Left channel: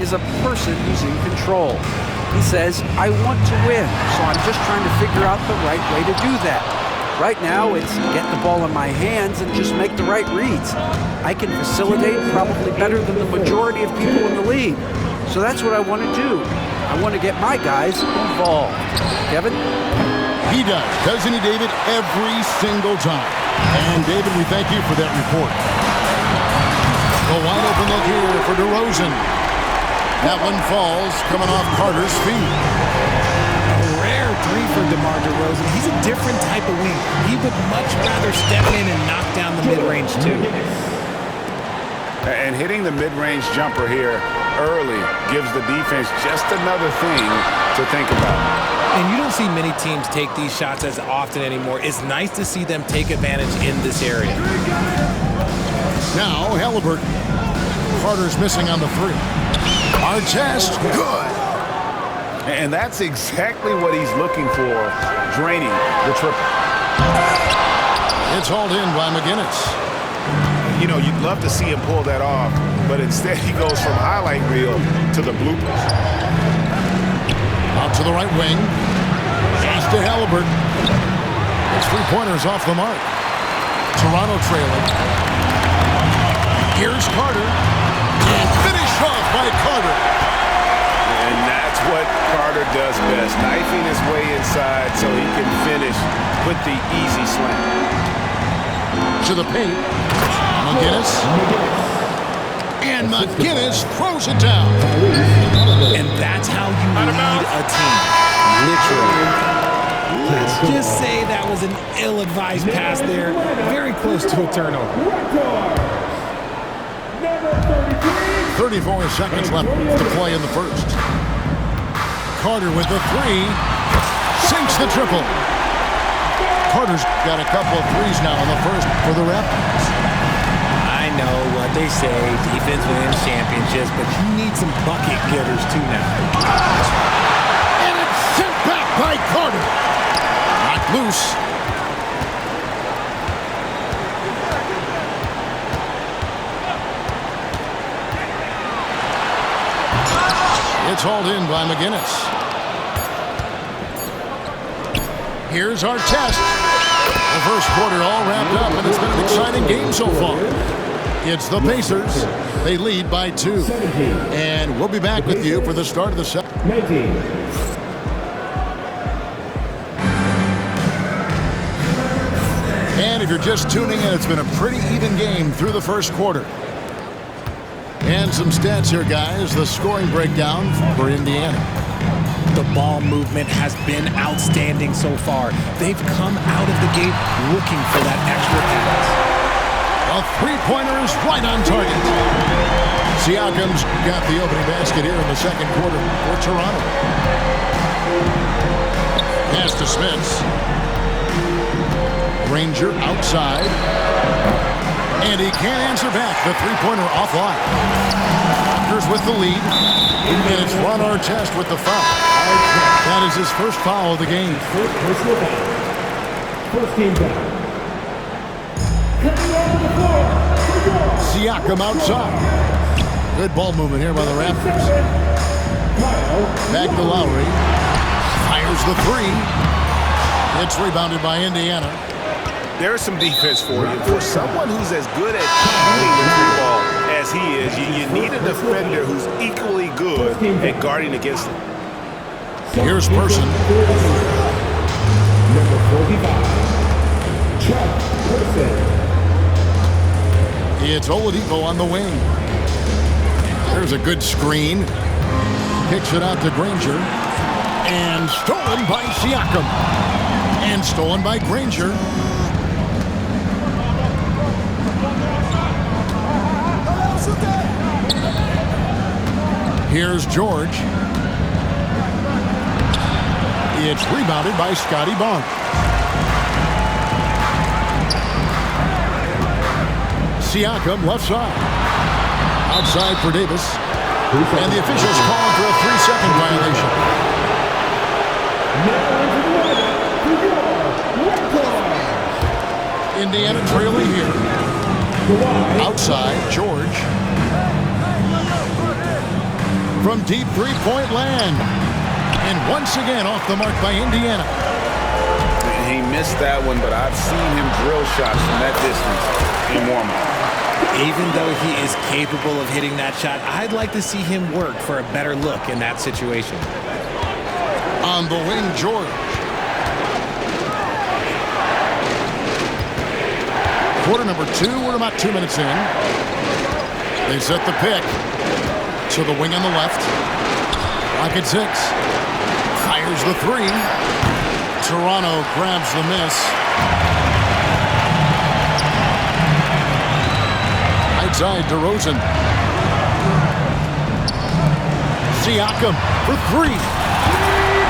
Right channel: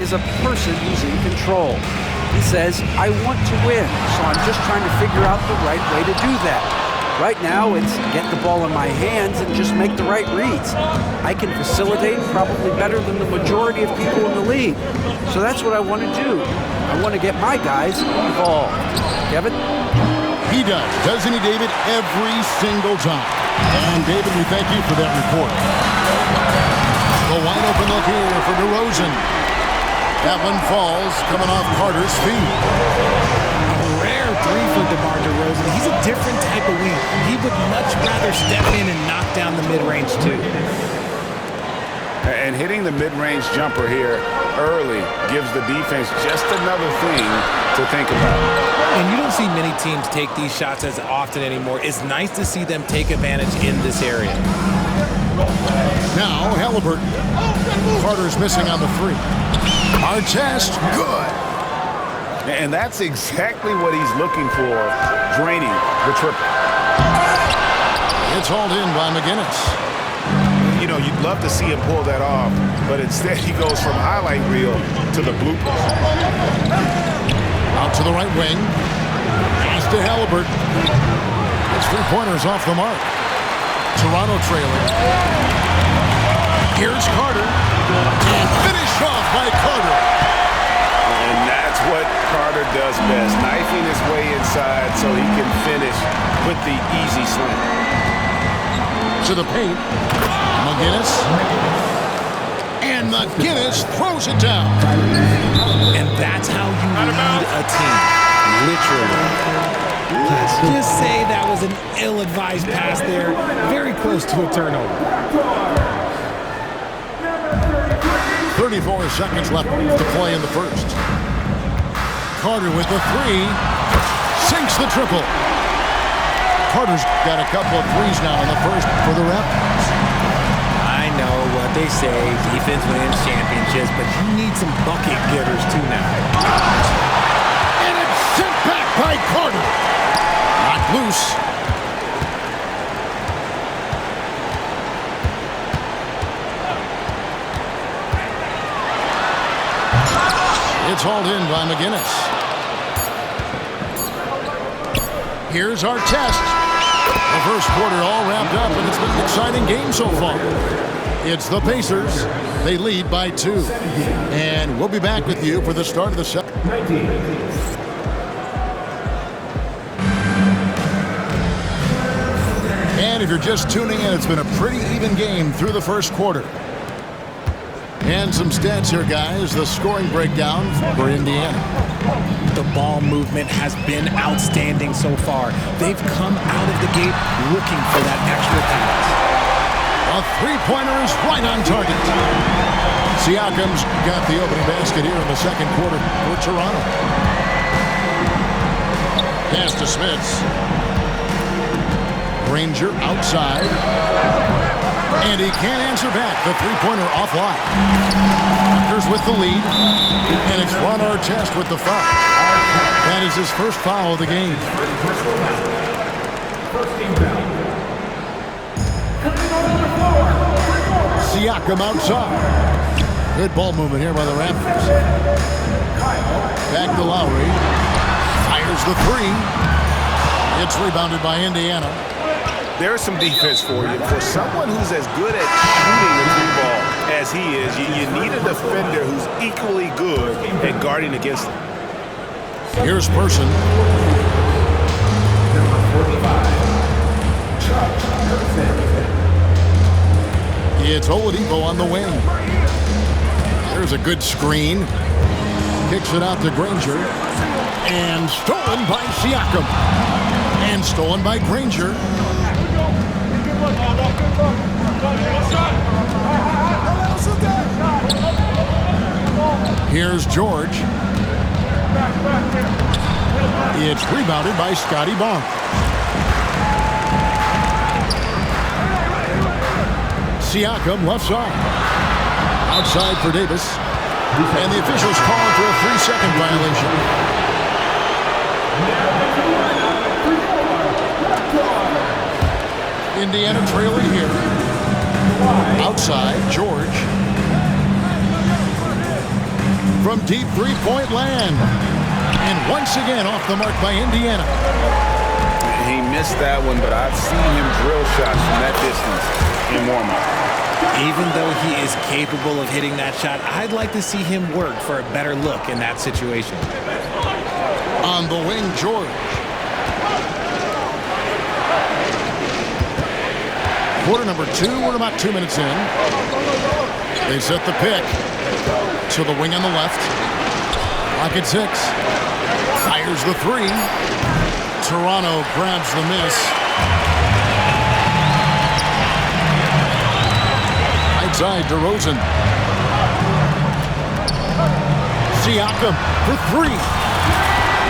is a person who's in control. He says, I want to win, so I'm just trying to figure out the right way to do that. Right now, it's get the ball in my hands and just make the right reads. I can facilitate probably better than the majority of people in the league. So that's what I want to do. I want to get my guys involved. Kevin? He does, doesn't he, David? Every single time. And, David, we thank you for that report. The wide open look here for DeRozan. That one falls, coming off Carter's feet. A rare three for DeMar DeRozan. He's a different type of wing. He would much rather step in and knock down the mid-range, too. And hitting the mid-range jumper here early gives the defense just another thing to think about. And you don't see many teams take these shots as often anymore. It's nice to see them take advantage in this area. Now, Halliburton. Carter's missing on the three. Artest, good. And that's exactly what he's looking for, draining the triple. It's hauled in by McGinnis. You know, you'd love to see him pull that off, but instead he goes from highlight reel to the bloopers. Out to the right wing. Pass to Halliburton. It's three-pointers off the mark. Toronto trailing. Here's Carter. And finished off by Carter. And that's what Carter does best, knifing his way inside so he can finish with the easy slam. To the paint. McGinnis. And McGinnis throws it down. And that's how you lead a team. Literally. Let's just say that was an ill-advised pass there. Very close to a turnover. 34 seconds left to play in the first. Carter with the three. Sinks the triple. Carter's got a couple of threes now in the first for the Raptors. I know what they say, defense wins championships, but you need some bucket getters too now. And it's sent back by Carter. Not loose. It's hauled in by McGinnis. Here's Artest. The first quarter all wrapped up, and it's been an exciting game so far. It's the Pacers. They lead by 2. And we'll be back with you for the start of the second. And if you're just tuning in, it's been a pretty even game through the first quarter. And some stats here, guys. The scoring breakdown for Indiana. The ball movement has been outstanding so far. They've come out of the gate looking for that extra pass. A three-pointer is right on target. Siakam's got the opening basket here in the second quarter for Toronto. Pass to Smits. Granger outside. And he can't answer back. The three-pointer offline. Raptors with the lead. And it's Ron Artest with the foul. That is his first foul of the game. First personal foul. First team foul. Siakam outside. Good ball movement here by the Raptors. Back to Lowry. Fires the three. It's rebounded by Indiana. There's some defense for you. For someone who's as good at shooting the three ball as he is, you need a defender who's equally good at guarding against him. Here's Person. Number 45, Chuck Person. It's Oladipo on the wing. There's a good screen. Kicks it out to Granger. And stolen by Siakam. And stolen by Granger. Here's George. It's rebounded by Scotty Barnes. Siakam left side. Outside for Davis. And the officials calling for a 3-second violation. Indiana trailing here. Outside, George. from deep three-point land. And once again off the mark by Indiana. He missed that one, but I've seen him drill shots from that distance in warm-up. Even though he is capable of hitting that shot, I'd like to see him work for a better look in that situation. On the wing, George. Quarter number 2, we're about 2 minutes in. They set the pick. To the wing on the left. Clock at 6. Fires the 3. Toronto grabs the miss. Right side, DeRozan. Siakam for 3.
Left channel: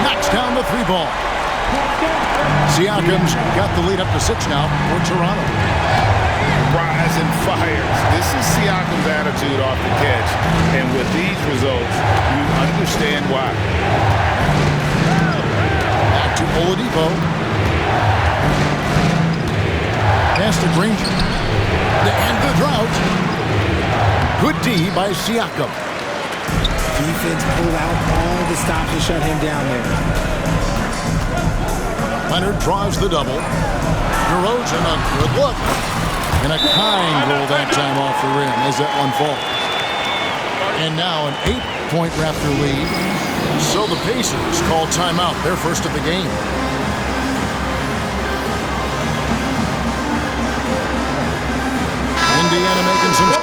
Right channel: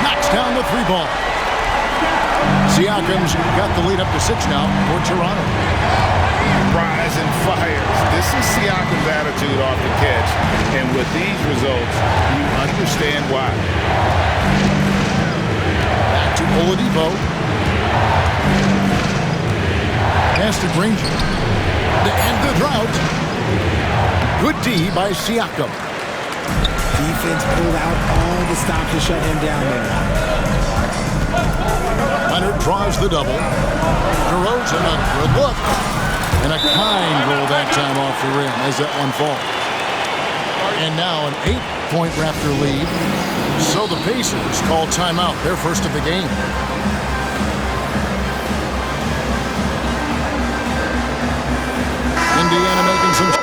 Knocks down the 3 ball. Siakam's got the lead up to 6 now for Toronto. Rise and fires. This is Siakam's attitude off the catch. And with these results, you understand why. Back to Oladipo. Pass to Granger. To end the drought. Good D by Siakam. Defense pulled out all the stops to shut him down there. Leonard draws the double. DeRozan, a good look. And a kind goal that time off the rim as that one falls. And now an 8-point Raptor lead. So the Pacers call timeout, their first of the game. Indiana making some...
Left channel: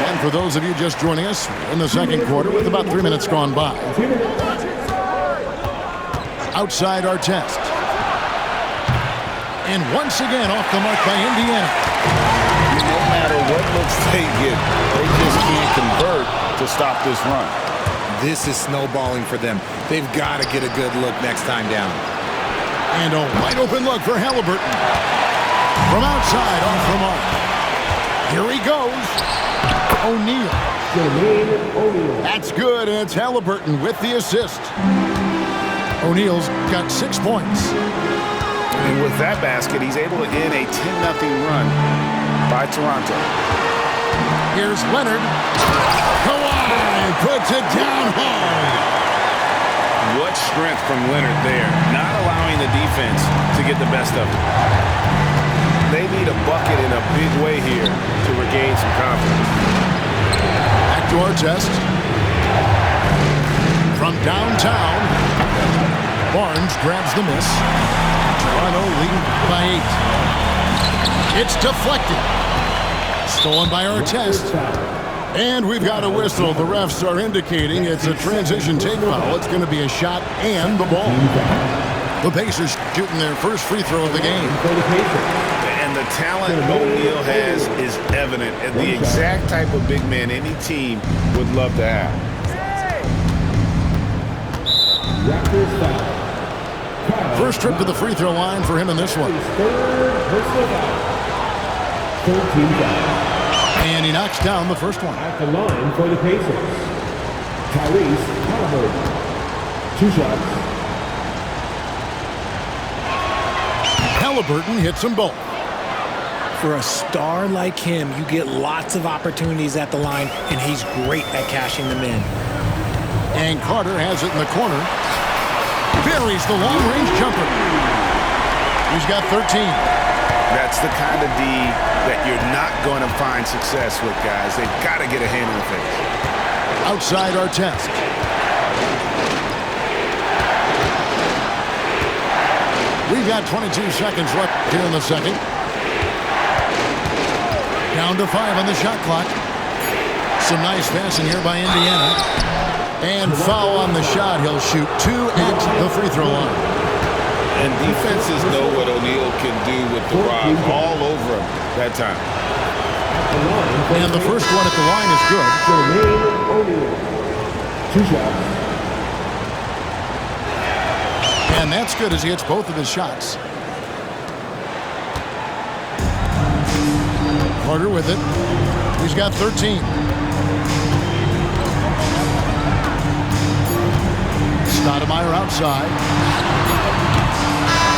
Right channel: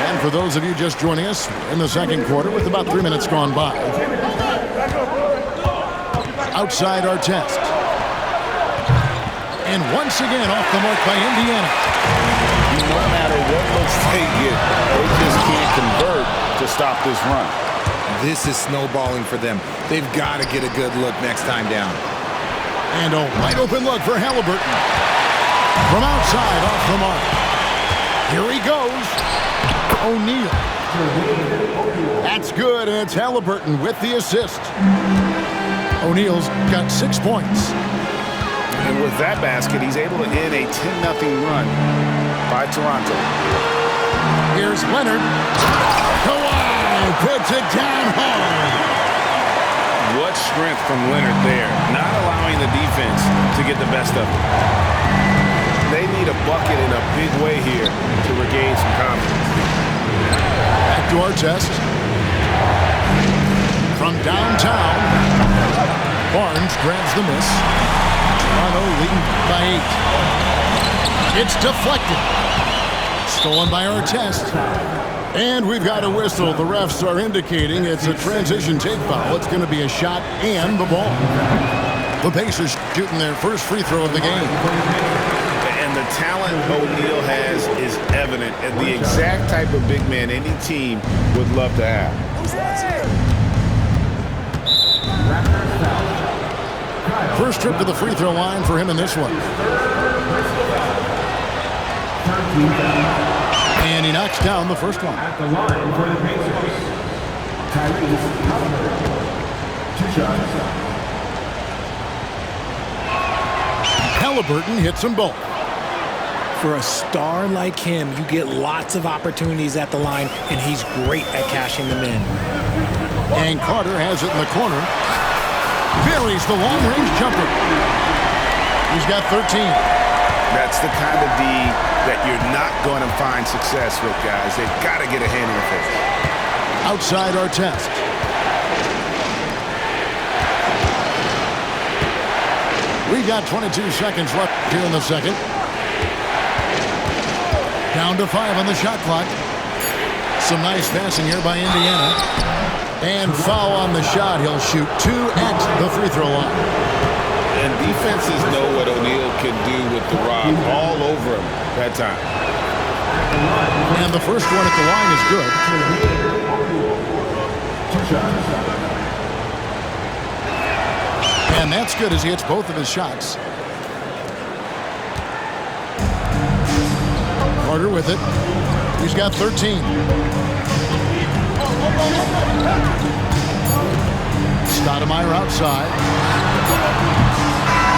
And for those of you just joining us, we're in the second quarter with about 3 minutes gone by. Outside Artest. And once again off the mark by Indiana. No matter what looks they get, they just can't convert to stop this run. This is snowballing for them. They've got to get a good look next time down. And a wide open look for Halliburton. From outside off the mark. Here he goes. O'Neal. That's good, and it's Halliburton with the assist. O'Neal's got 6 points. And with that basket, he's able to end a 10-0 run by Toronto. Here's Leonard. Kawhi puts it down hard. What strength from Leonard there, not allowing the defense to get the best of it. They need a bucket in a big way here to regain some confidence. Back to Artest. From downtown, Barnes grabs the miss. Toronto leading by 8. It's deflected. Stolen by Artest. And we've got a whistle. The refs are indicating it's a transition take foul. It's going to be a shot and the ball. The Pacers shooting their first free throw of the game. And the talent O'Neal has is evident, and the exact type of big man any team would love to have. First trip to the free throw line for him in this one. And he knocks down the first one. At the line for the Pacers, Tyrese Halliburton. 2 shots. Halliburton hits them both. For a star like him, you get lots of opportunities at the line, and he's great at cashing them in. And Carter has it in the corner. Buries the long-range jumper. He's got 13. That's the kind of D that you're not going to find success with, guys. They've got to get a hand in the face. Outside Artest. We've got 22 seconds left here in the second. Down to 5 on the shot clock. Some nice passing here by Indiana. And foul on the shot. He'll shoot 2 at the free throw line. And defenses know what O'Neal can do with the rock all over him that time. And the first one at the line is good. O'Neal. 2 shots. And that's good as he hits both of his shots. Carter with it. He's got 13. Stoudemire outside.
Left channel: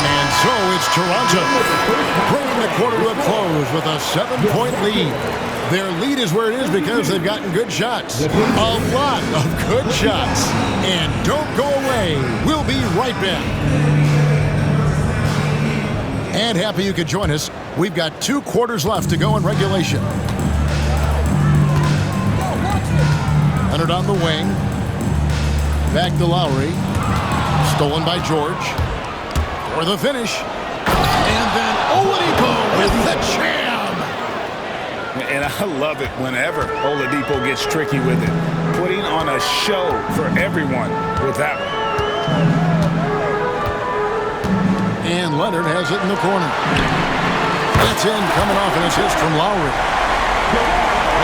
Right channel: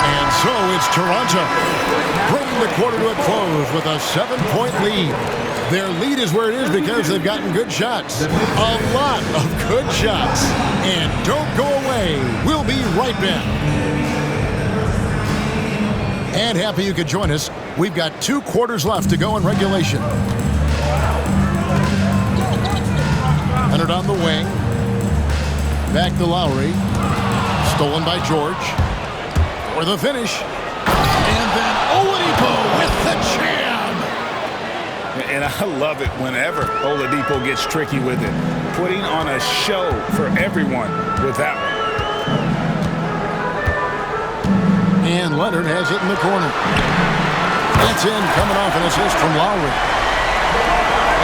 And so it's Toronto bringing the quarter to a close with a 7-point lead. Their lead is where it is because they've gotten good shots. A lot of good shots. And don't go away. We'll be right back. And happy you could join us. We've got 2 quarters left to go in regulation. Leonard on the wing. Back to Lowry. Stolen by George. For the finish. And then Oladipo with the jam. And I love it whenever Oladipo gets tricky with it. Putting on a show for everyone with that one. And Leonard has it in the corner. That's in, coming off an assist from Lowry.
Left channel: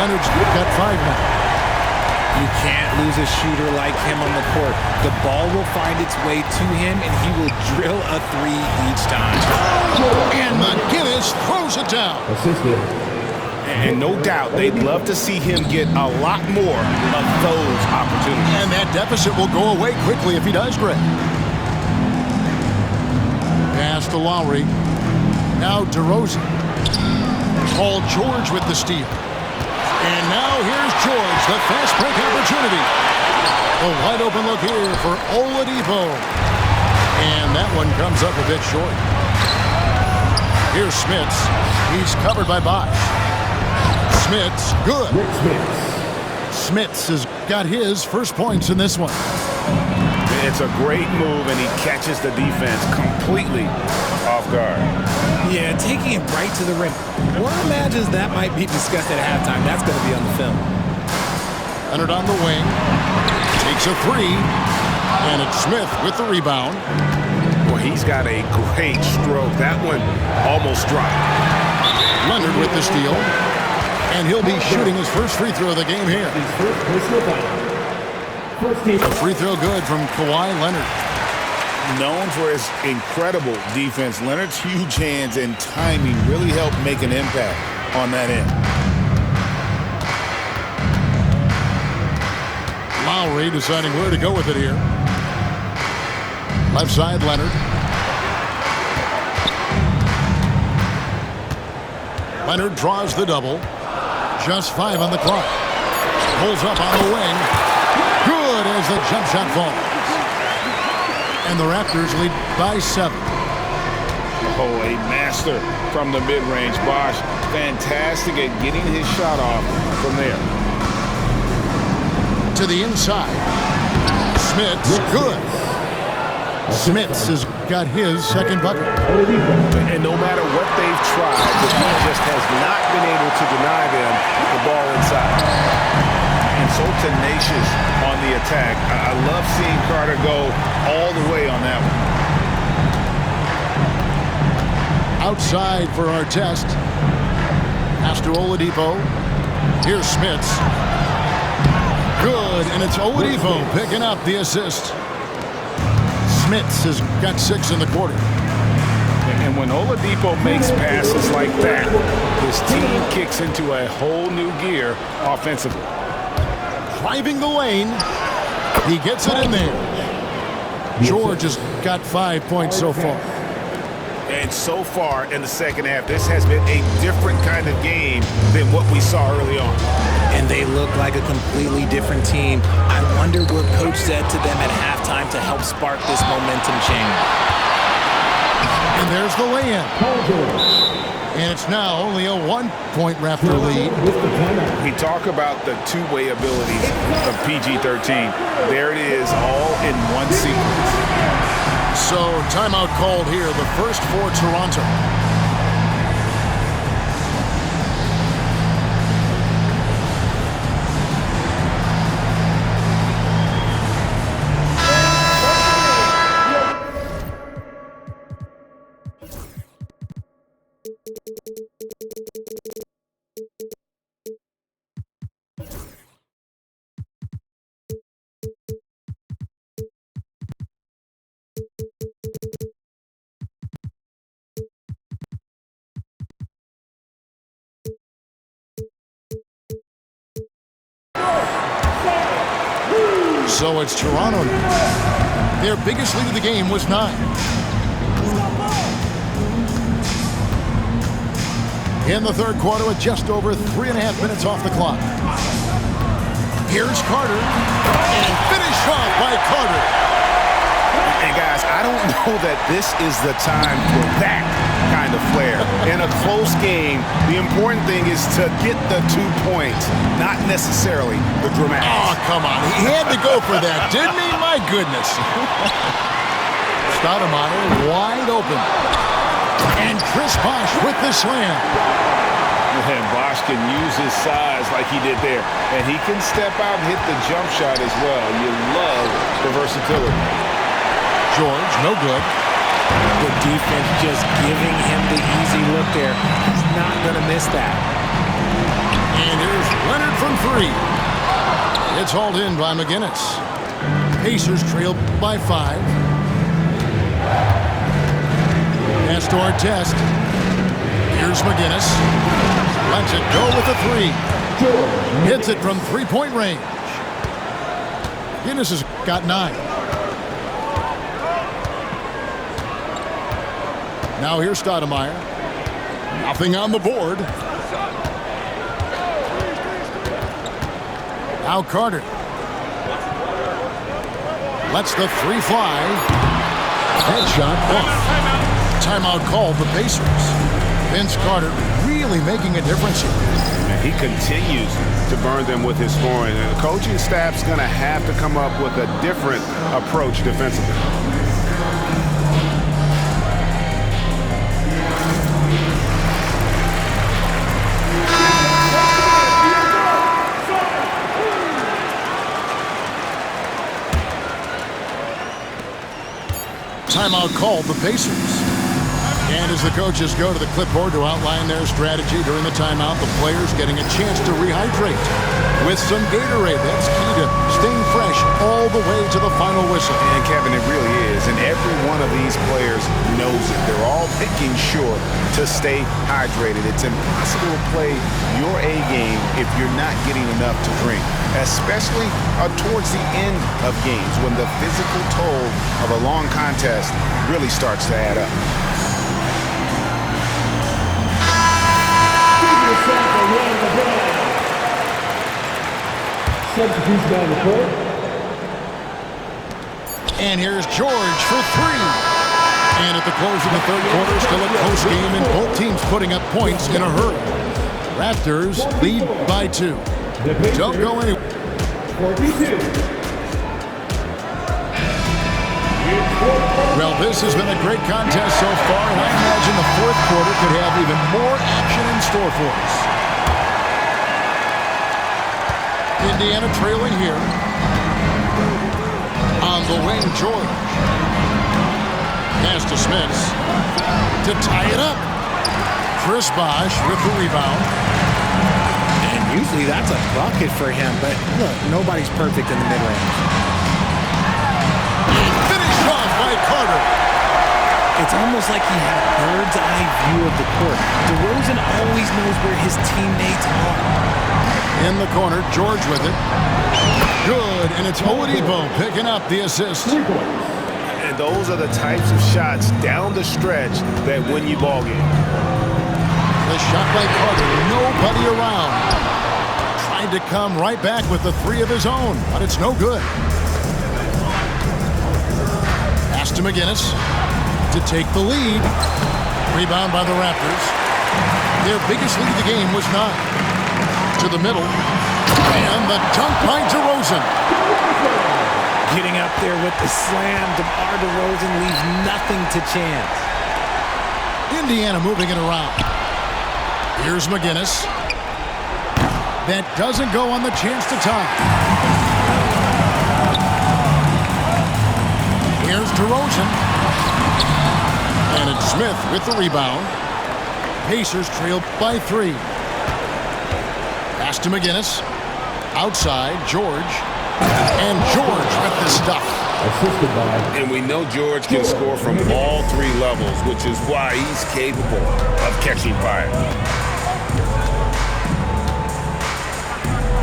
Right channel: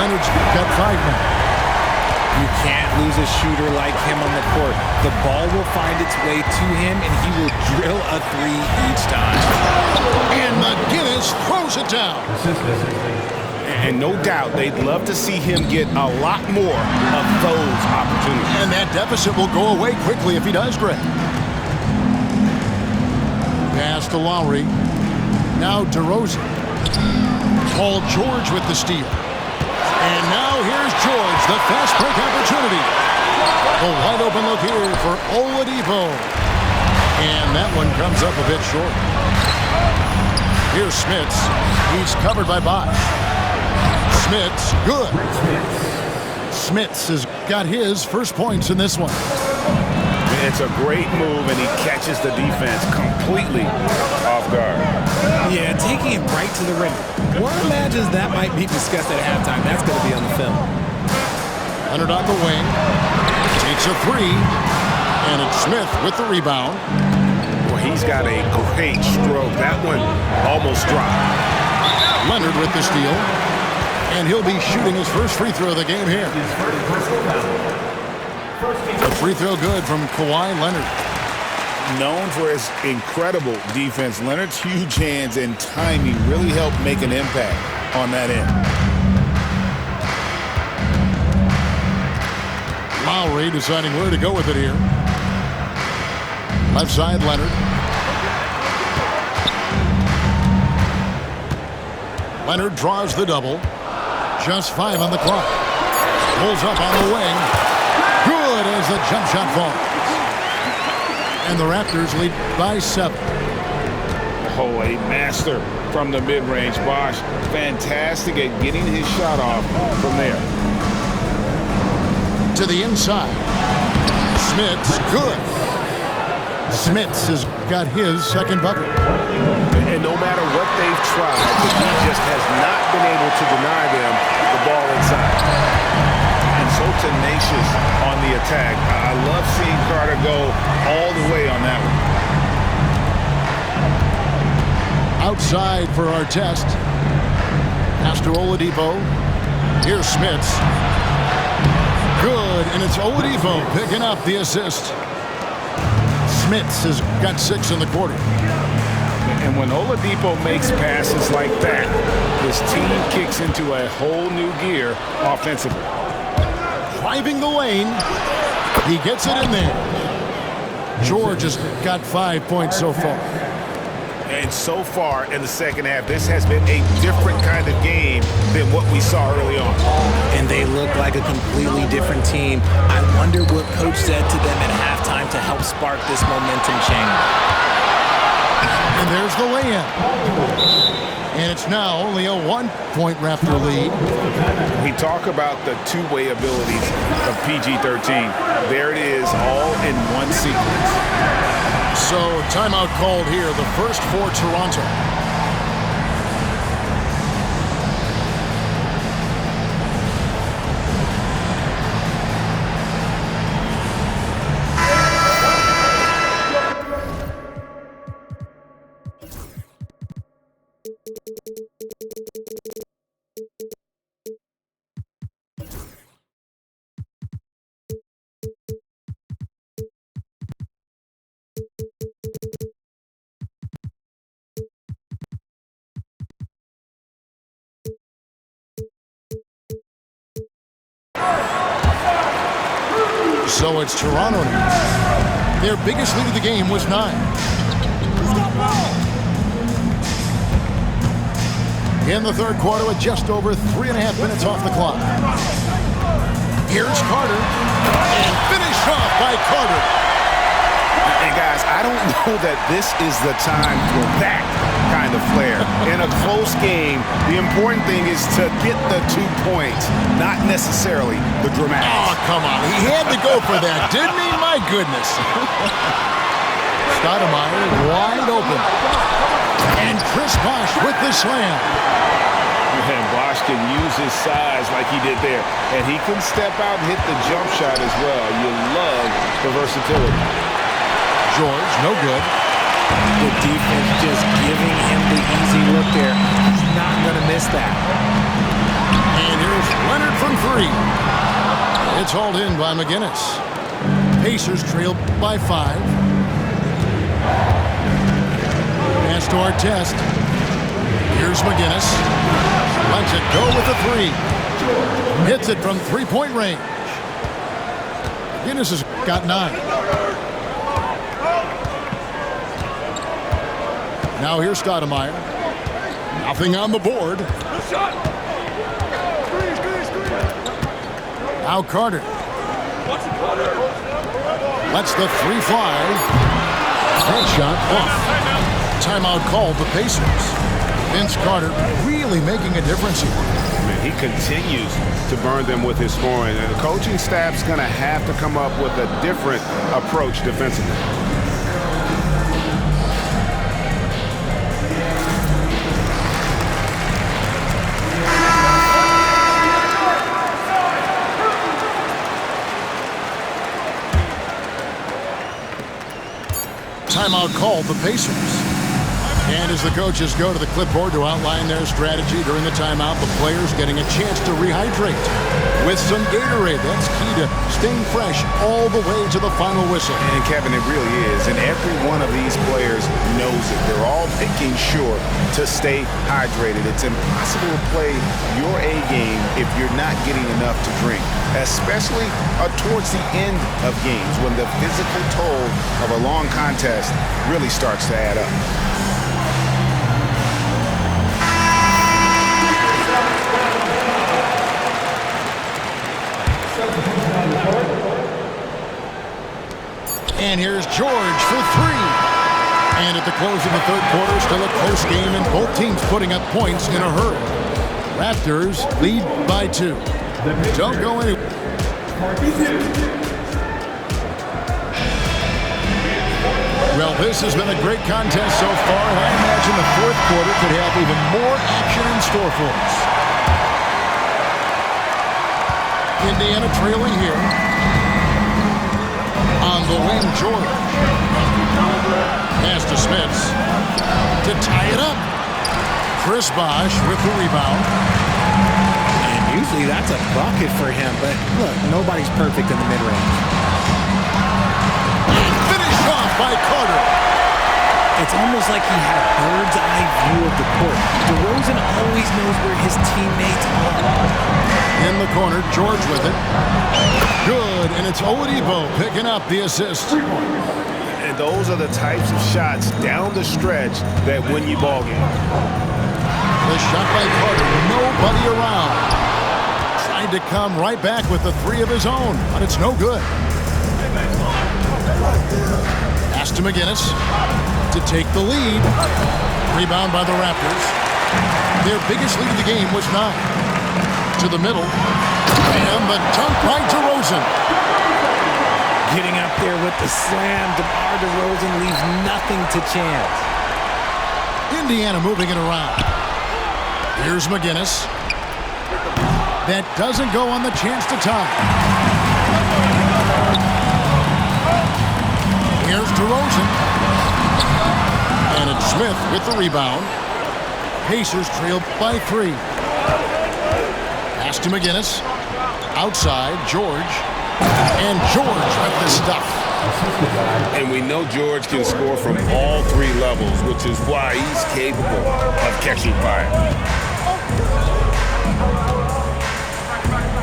Leonard's got 5 now. You can't lose a shooter like him on the court. The ball will find its way to him, and he will drill a 3 each time. And McGinnis throws it down. Assisted. And no doubt they'd love to see him get a lot more of those opportunities. And that deficit will go away quickly if he does, Greg. Pass to Lowry. Now DeRozan. Paul George with the steal. And now here's George, the fast break opportunity. A wide open look here for Oladipo. And that one comes up a bit short. Here's Smits. He's covered by Bosch. Smits, good. Rick Smits. Smits has got his first points in this one. It's a great move, and he catches the defense completely off guard. Yeah, taking it right to the rim. One imagines that might be discussed at halftime. That's going to be on the film. Leonard on the wing. Takes a 3. And it's Smith with the rebound. Well, he's got a great stroke. That one almost dropped. Leonard with the steal. And he'll be shooting his first free throw of the game here. His first personal foul. First team. A free throw good from Kawhi Leonard. Known for his incredible defense, Leonard's huge hands and timing really helped make an impact on that end. Lowry deciding where to go with it here. Left side, Leonard. Leonard draws the double. Just 5 on the clock. Pulls up on the wing. Good as the jump shot falls. And the Raptors lead by 7. Oh, a master from the mid-range. Bosch, fantastic at getting his shot off from there. To the inside. Smits, good. Smits has got his second bucket. And no matter what they've tried, the Heat just has not been able to deny them the ball inside. And so tenacious on the attack. I love seeing Carter go all the way on that one. Outside for our test. Pass to Oladipo. Here's Smits. Good, and it's Oladipo picking up the assist. Smits has got 6 in the quarter. And when Oladipo makes passes like that, his team kicks into a whole new gear offensively. Driving the lane. He gets it in there. George has got 5 points so far. And so far in the second half, this has been a different kind of game than what we saw early on. And they look like a completely different team. I wonder what Coach said to them at halftime to help spark this momentum change. And there's the lay-in. And it's now only a 1-point Raptor lead. We talk about the two-way abilities of PG-13. There it is, all in one sequence. So timeout called here, the first for Toronto. So it's Toronto now. Their biggest lead of the game was 9. In the third quarter with just over 3.5 minutes off the clock. Here's Carter. And finished off by Carter. And guys, I don't know that this is the time for that kind of flair. In a close game, the important thing is to get the 2 points, not necessarily the dramatics. Oh, come on. He had to go for that, didn't he? My goodness. Stoudemire wide open. And Chris Bosh with the slam. And Bosh can use his size like he did there. And he can step out and hit the jump shot as well. You love the versatility. George, no good. The defense just giving him the easy look there. He's not going to miss that. And here's Leonard from 3. It's hauled in by McGinnis. Pacers trail by 5. Pass to Artest. Here's McGinnis. Lets it go with a 3. Hits it from 3-point range. McGinnis has got 9. Now here's Stoudemire. Nothing on the board. Now Carter. Lets the 3 fly. Headshot off. Timeout called the Pacers. Vince Carter really making a difference here. Man, he continues to burn them with his scoring. And the coaching staff's going to have to come up with a different approach defensively. Timeout called the Pacers. And as the coaches go to the clipboard to outline their strategy during the timeout, the players getting a chance to rehydrate with some Gatorade. That's key to staying fresh all the way to the final whistle. And Kevin, it really is. And every one of these players knows it. They're all making sure to stay hydrated. It's impossible to play your A game if you're not getting enough to drink, especially towards the end of games when the physical toll of a long contest really starts to add up. And here's George for 3. And at the close of the third quarter, still a close game, and both teams putting up points in a hurry. Raptors lead by 2. Don't go anywhere. 42. Well, this has been a great contest so far, and I imagine the fourth quarter could have even more action in store for us. Indiana trailing here. On the wing, George. Pass to Smits to tie it up. Chris Bosh with the rebound. And usually that's a bucket for him, but look, nobody's perfect in the mid-range. Finished off by Carter. It's almost like he had a bird's eye view of the court. DeRozan always knows where his teammates are. In the corner, George with it. Good, and it's Oladipo picking up the assist. And those are the types of shots down the stretch that win you ball games. The shot by Carter, nobody around. Tried to come right back with the 3 of his own, but it's no good. Pass to McGinnis to take the lead. Rebound by the Raptors. Their biggest lead of the game was 9. To the middle. And the dunk by DeRozan. Getting up there with the slam, DeMar DeRozan leaves nothing to chance. Indiana moving it around. Here's McGinnis. That doesn't go on the chance to tie. Here's DeRozan. And it's Smith with the rebound. Pacers trail by 3. Pass to McGinnis. Outside, George. And George with the stuff. And we know George can score from all 3 levels, which is why he's capable of catching fire.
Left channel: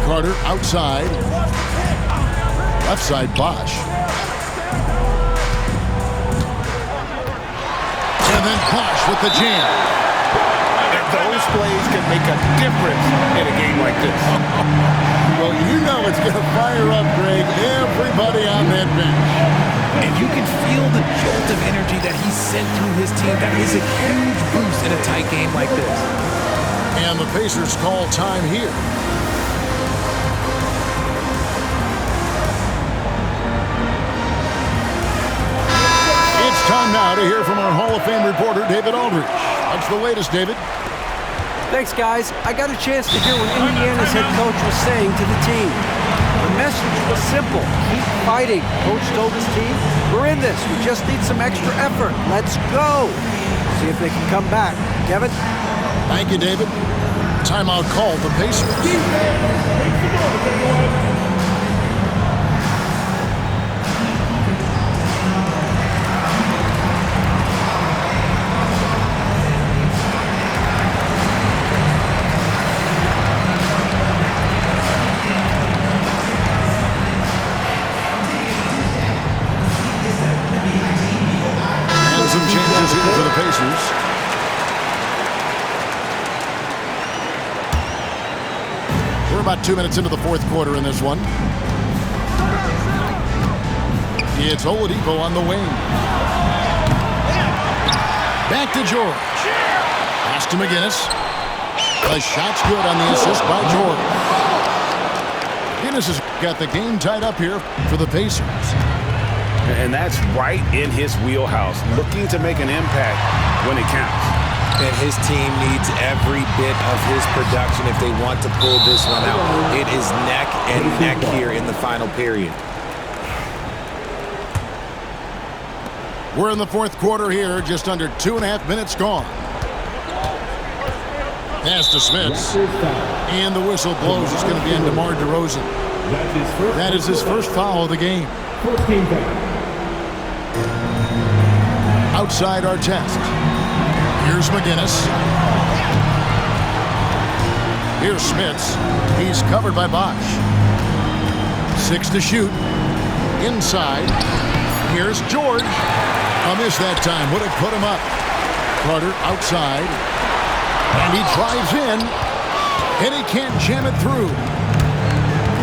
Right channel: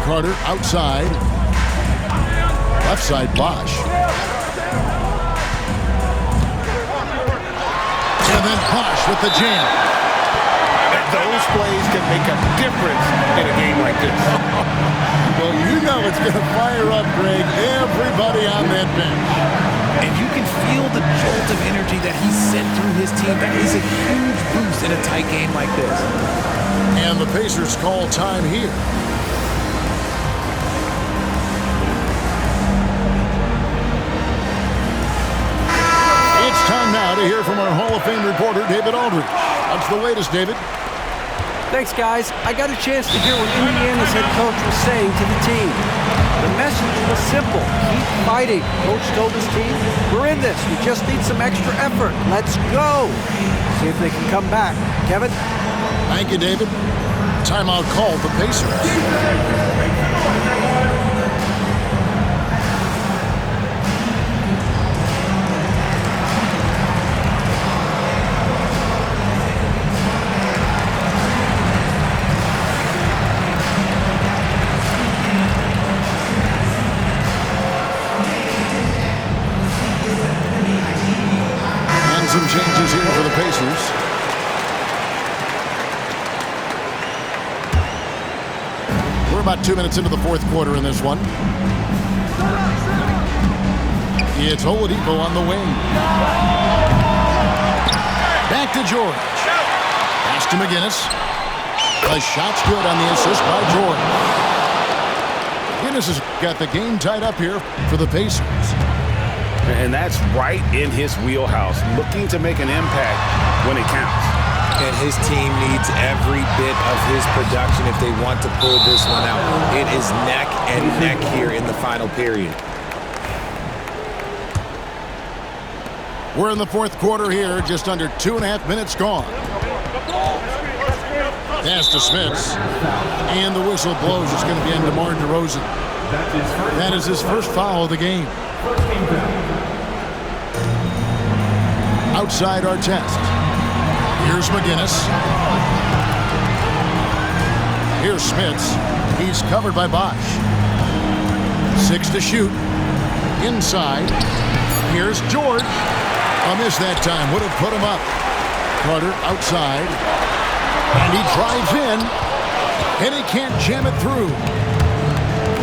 Carter outside. Left side, Bosch. And then Bosch with the jam. And those plays can make a difference in a game like this. Well, you know it's going to fire up, Greg, everybody on that bench. And you can feel the jolt of energy that he sent through his team. That is a huge boost in a tight game like this. And the Pacers call time here. It's time now to hear from our Hall of Fame reporter, David Aldridge. What's the latest, David? Thanks, guys. I got a chance to hear what Indiana's head coach was saying to the team. The message was simple. Keep fighting. Coach told his team, we're in this. We just need some extra effort. Let's go. See if they can come back. Kevin? Thank you, David. Timeout called the Pacers. Some changes here for the Pacers. We're about 2 minutes into the fourth quarter in this one. It's Oladipo on the wing. Back to George. Pass to McGinnis. The shot's good on the assist by George. McGinnis has got the game tied up here for the Pacers. And that's right in his wheelhouse, looking to make an impact when it counts. And his team needs every bit of his production if they want to pull this one out. It is neck and neck here in the final period. We're in the fourth quarter here, just under 2.5 minutes gone. Pass to Smits. And the whistle blows. It's going to be on DeMar DeRozan. That is his first foul of the game. First team foul. Outside our test. Here's McGinnis. Here's Smits. He's covered by Bosch. 6 to shoot. Inside. Here's George. A miss that time. Would have put him up. Carter outside. And he drives in. And he can't jam it through.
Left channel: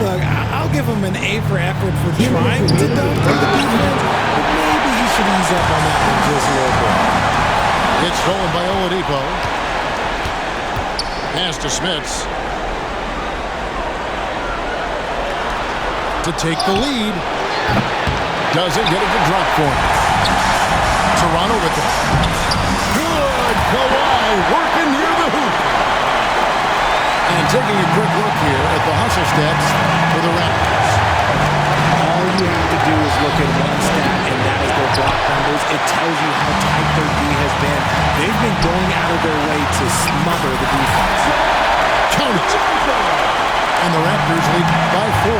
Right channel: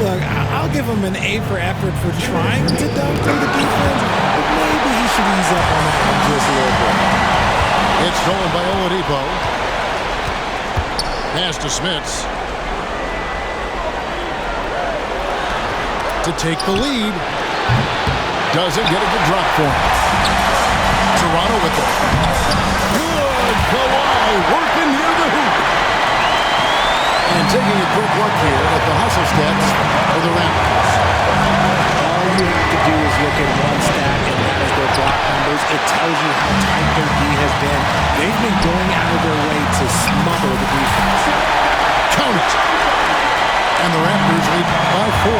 Look, I'll give him an A for effort for trying to dunk through the defense, but maybe he should ease up on that one just a little bit. It's stolen by Oladipo. Pass to Smits. To take the lead. Doesn't get it to drop for him. Toronto with it. Good. Kawhi working near the hoop. And taking a quick look here at the hustle stats for the Raptors. All you have to do is look at one stat, and that is their block numbers. It tells you how tight their D has been. They've been going out of their way to smother the defense. Count it. And the Raptors lead by 4.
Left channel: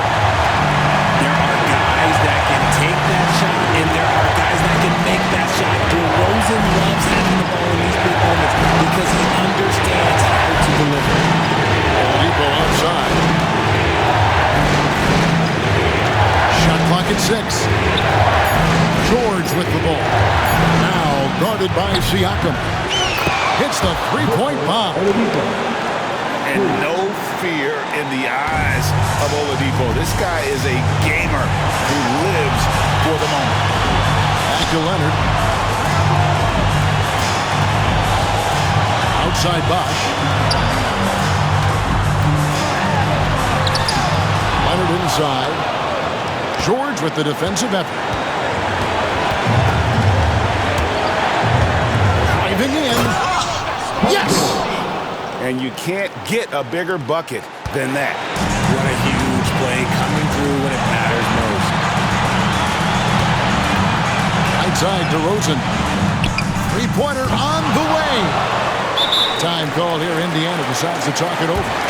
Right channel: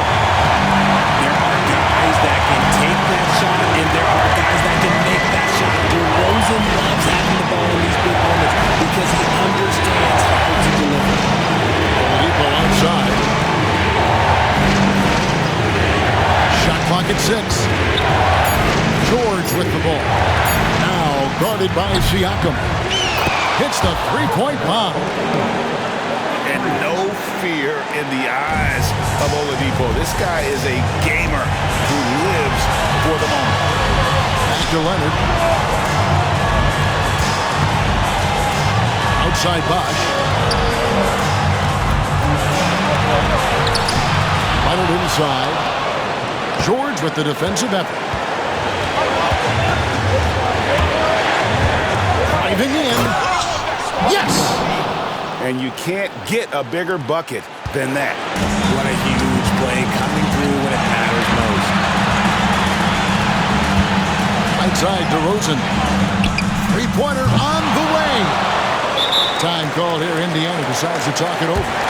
There are guys that can take that shot, and there are guys that can make that shot. DeRozan loves having the ball in these big moments because he understands how to deliver. Oladipo outside. Shot clock at 6. George with the ball. Now guarded by Siakam. Hits the three-point bomb. And no fear in the eyes of Oladipo. This guy is a gamer who lives for the moment. Back to Leonard. Outside Bosch. Leonard inside. George with the defensive effort. Driving in. Yes! And you can't get a bigger bucket than that. What a huge play coming through when it matters most. Outside DeRozan. Three-pointer on the way. Time called here. Indiana decides to talk it over.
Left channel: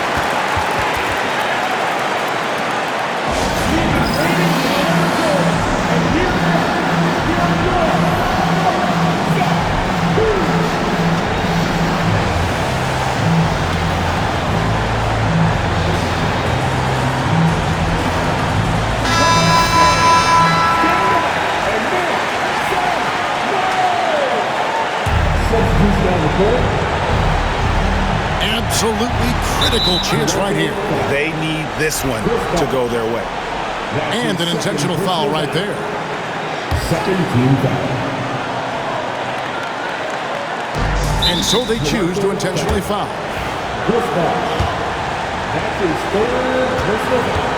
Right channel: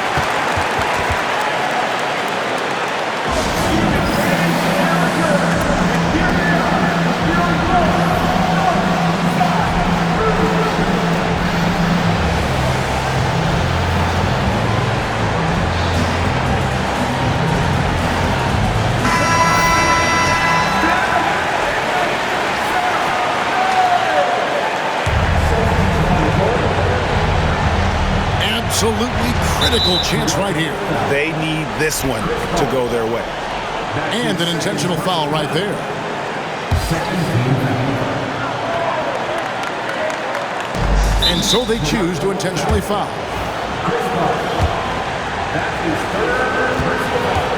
absolutely critical chance right here. They need this one to go their way. And an intentional foul right there. Second team foul. And so they choose to intentionally foul. Chris Bosh. That's his third personal foul.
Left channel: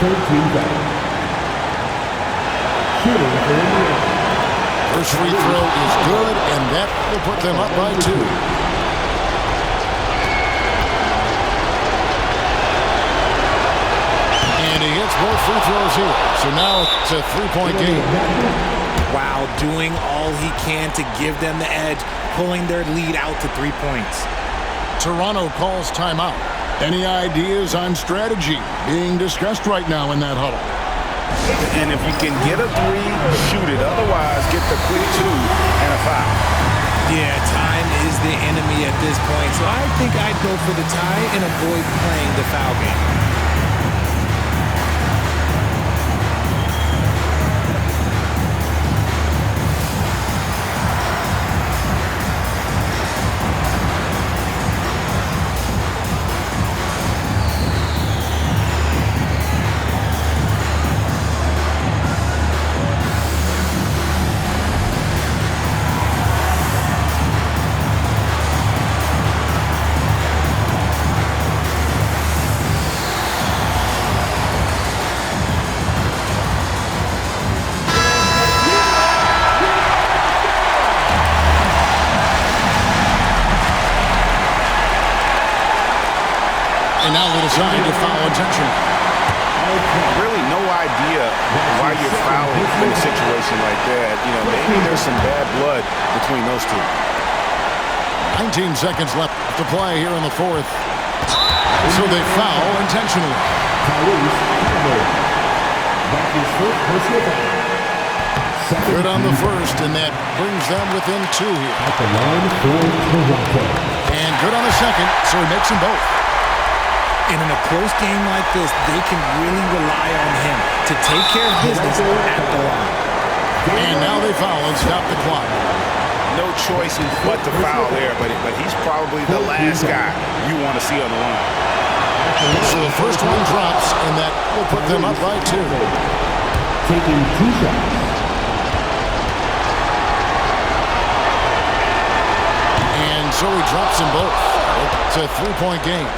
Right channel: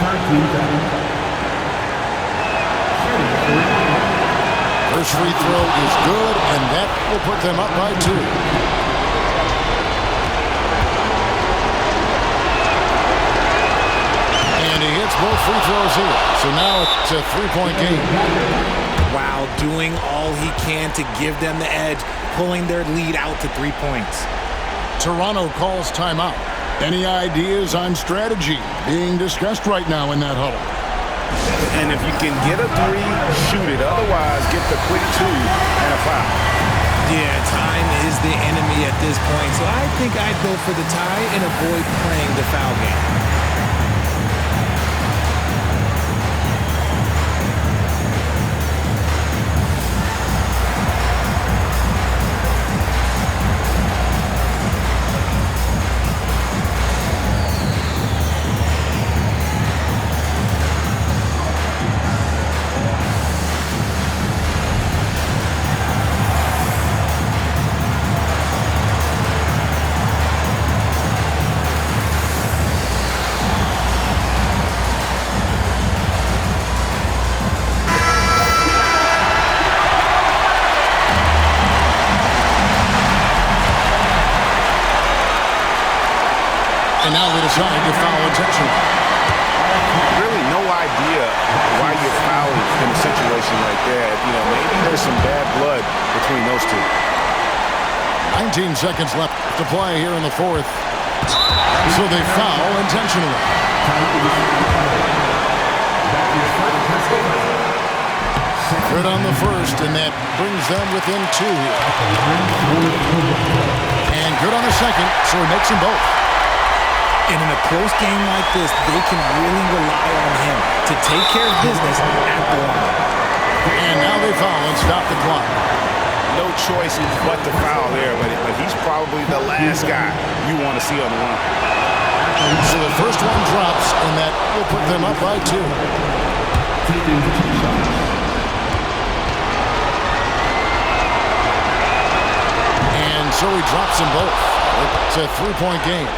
Third team foul. Shooting at the line. First free throw is good, and that will put them up by 2. And he hits both free throws here. So now it's a 3-point game. Wow, doing all he can to give them the edge, pulling their lead out to 3 points. Toronto calls timeout. Any ideas on strategy being discussed right now in that huddle? And if you can get a 3, shoot it. Otherwise, get the quick 2 and a foul. Yeah, time is the enemy at this point, so I think I'd go for the tie and avoid playing the foul game. And now they decide to foul intentionally. Really no idea why you're fouling in a situation like that. You know, maybe there's some bad blood between those two. 19 seconds left to play here in the fourth. So they foul intentionally. Tyrese Halliburton. That's his first personal foul. Good on the first, and that brings them within 2 here. At the line for Toronto. And good on the second, so he makes them both. And in a close game like this, they can really rely on him to take care of business at the line. And now they foul and stop the clock. No choice but to foul there, but he's probably the last guy you want to see on the line. So the first one drops, and that will put them up by 2. Taking 2 shots. And so he drops them both. It's a 3-point game.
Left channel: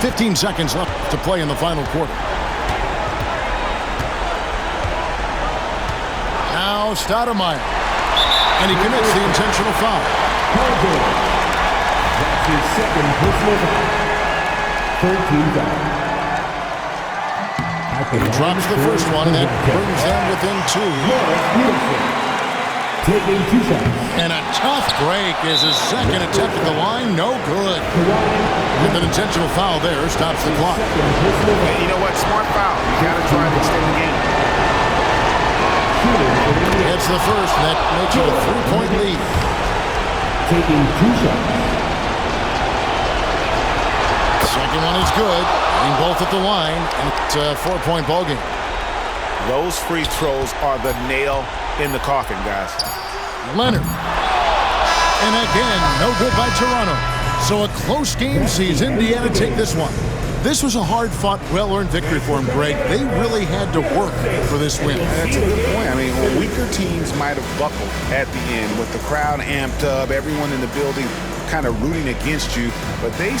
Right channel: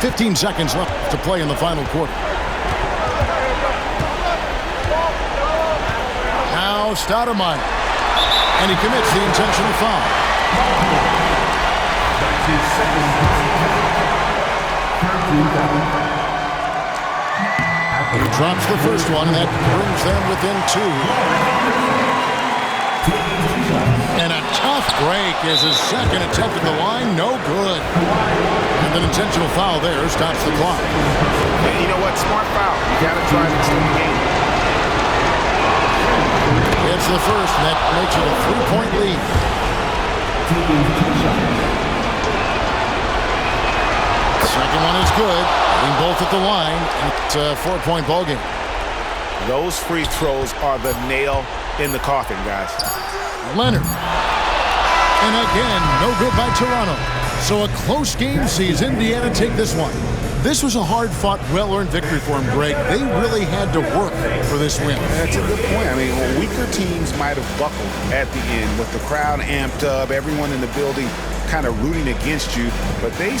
15 seconds left to play in the final quarter. Now Stoudemire. And he commits the intentional foul. That's his second personal foul. Third team foul. He drops the first one, and that brings them within 2. Taking 2 shots. And a tough break is his second attempt at the line. No good. And an intentional foul there stops the clock. And you know what? Smart foul. You got to try to extend the game. It's the first, and that makes it a 3-point lead. Taking 2 shots. Second one is good. Hitting both at the line, and it's a 4-point ball game. Those free throws are the nail in the coffin, guys. Leonard. And again, no good by Toronto. So a close game sees Indiana take this one. This was a hard-fought, well-earned victory for them, Greg. They really had to work for this win. That's a good point. I mean, weaker teams might have buckled at the end with the crowd amped up, everyone in the building kind of rooting against you, but they